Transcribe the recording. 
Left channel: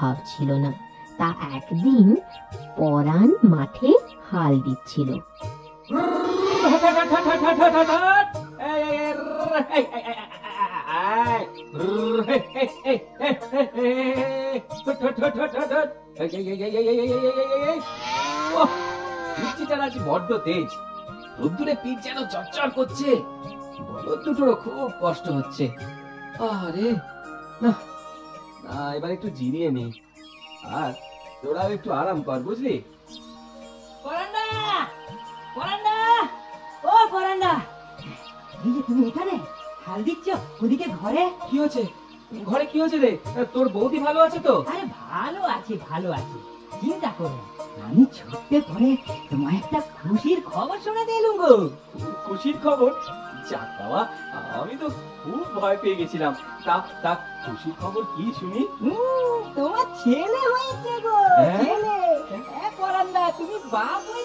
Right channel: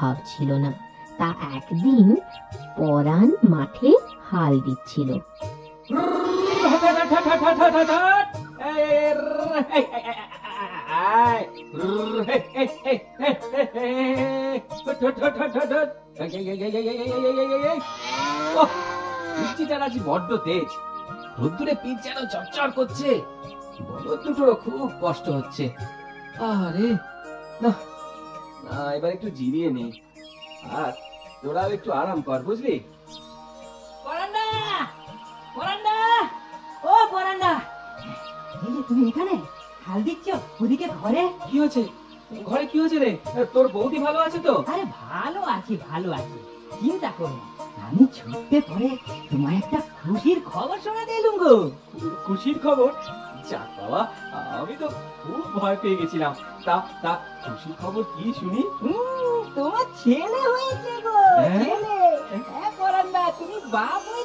ভাব ছিল না। তা একদিন পরাণ মাঠে হাল দিচ্ছিল। বড্ড তেজ, রোদ্দুরে পিঠ যেন চটচট করছে। বলদ দুটোরও খুব কষ্ট হচ্ছে। আরে না না, এবার একটু জিরিয়ে নেই, আর তোরাও একটু আরাম কর, বুঝলি? পরান্ডা, পরান্ডা, ও পরান্ডা, এই যে তুমি এখানে হাল দিচ্ছ, ওদিকে ঘরে কি হয়েছে? ঘরে কি হয়েছে রে? তোর বৌদি ভালো আছে তো? আরে ভালো আছি, ভালো আছি, চিন্তা করো না। আমি ছুটতে পরে তোমার একটা খুশির খবর শোনাতে এলুম গো। খুশির খবর? যাক বাবা, আমি তো খুব ভয় পেয়ে গেছিলাম। তা তা খুশির খবর কি শুনি? তোমার ছেলে হয়েছে গো, হ্যাঁ? ছেলে। হ্যাঁ পরান্ডা, তুমি বাপ হয়ে